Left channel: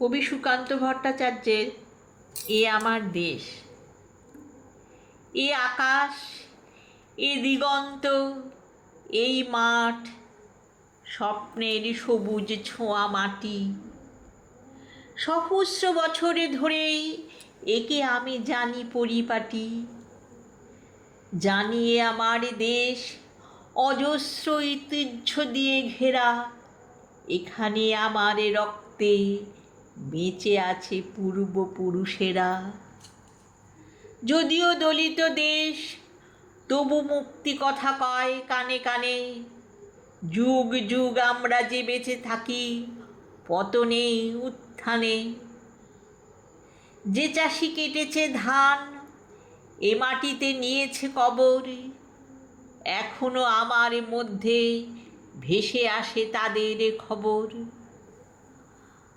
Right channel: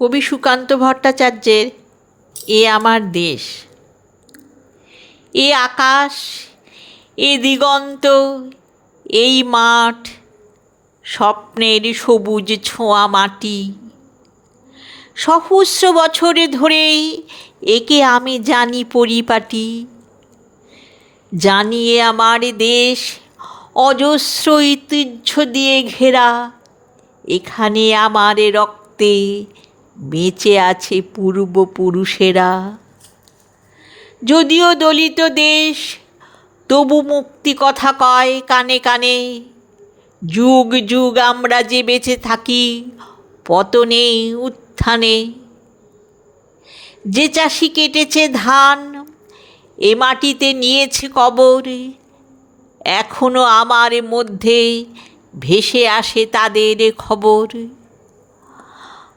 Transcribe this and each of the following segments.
কবি সুকান্ত ভট্টাচার্যের এ আমার দেশ। এ আকাশ, এ দিগন্ত, এই মাঠ, স্বপ্নের সবুজ ছোঁয়া মাটি। সহস্র বছরে ধরেই একে আমি জানি পরিপাটি। জানিয়ে আমার দেশ অজস্র ঐতিহ্য দিয়ে ঘেরা। এখানে আমার রক্তে বেঁচে আছে পূর্বপুরুষেরা। যদিও দলিত দেশ, তবু মুক্তি কথা কয় কানে কানে। যুগ যুগ আমরা যে বেঁচে থাকি পতনে উত্থানে। যে চাষি কেটেছে ধান, এ মাটিতে নিয়েছে কবর। এখনো আমার মধ্যে ভেসে আসে তাদের খবর।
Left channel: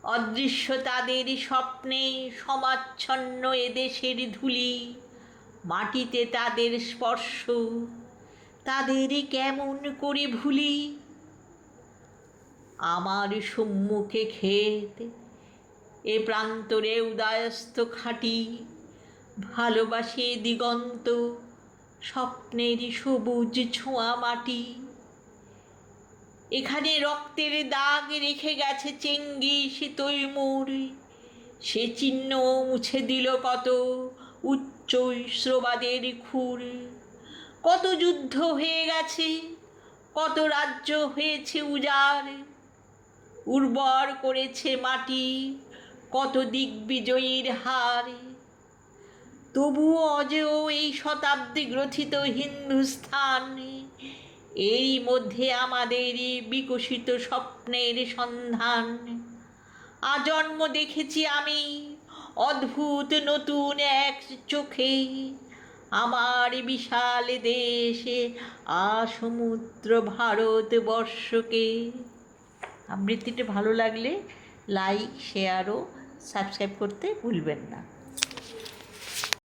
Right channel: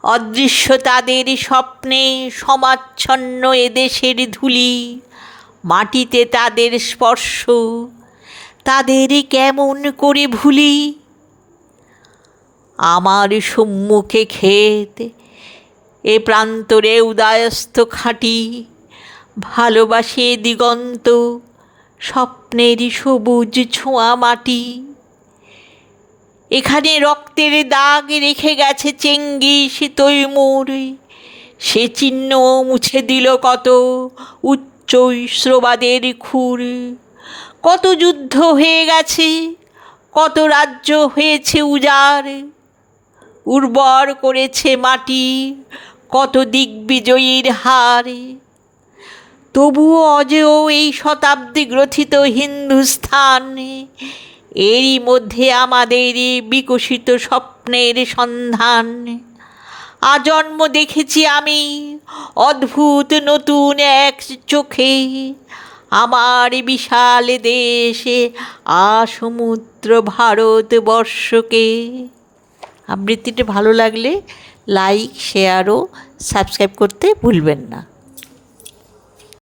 অদৃশ্য তাদের স্বপ্নে সমাচ্ছন্ন এদেশের ধূলি। মাটিতে তাদের স্পর্শ, তাদের কেমন করে ভুলি। আমার সম্মুখে ক্ষেত, এ প্রান্তরে উদয়স্ত খাঁটি। ভালোবাসে দিগন্ত, স্বপ্নের সবুজ ছোঁয়া মাটি। এখানে রক্তের দাগ রেখে গেছে চেঙ্গিস তৈমুর। সে চিহ্ন মুছে দিল কত উচ্চৈশ্রবাদের খুর। কত যুদ্ধ হয়ে গেছে, কত রাজ্য হয়েছে উজাড়। উর্বর করেছে মাটি কত দিগ্বিজয়ীর হার। তবুও অজেয় এই শতাব্দী গ্রথিত হিন্দুস্থান। এরই মধ্যে আমাদের বিকশিত স্বপ্নের সন্ধান। আজন্ম দেখেছি আমি অদ্ভুত নতুন এক চোখে। আমার বিশাল দেশে আসমুদ্র ভারতবর্ষকে। আবৃত্তিটা ভালো লাগলে লাইক, শেয়ার ও সাবস্ক্রাইব করতে ভুলবেন না।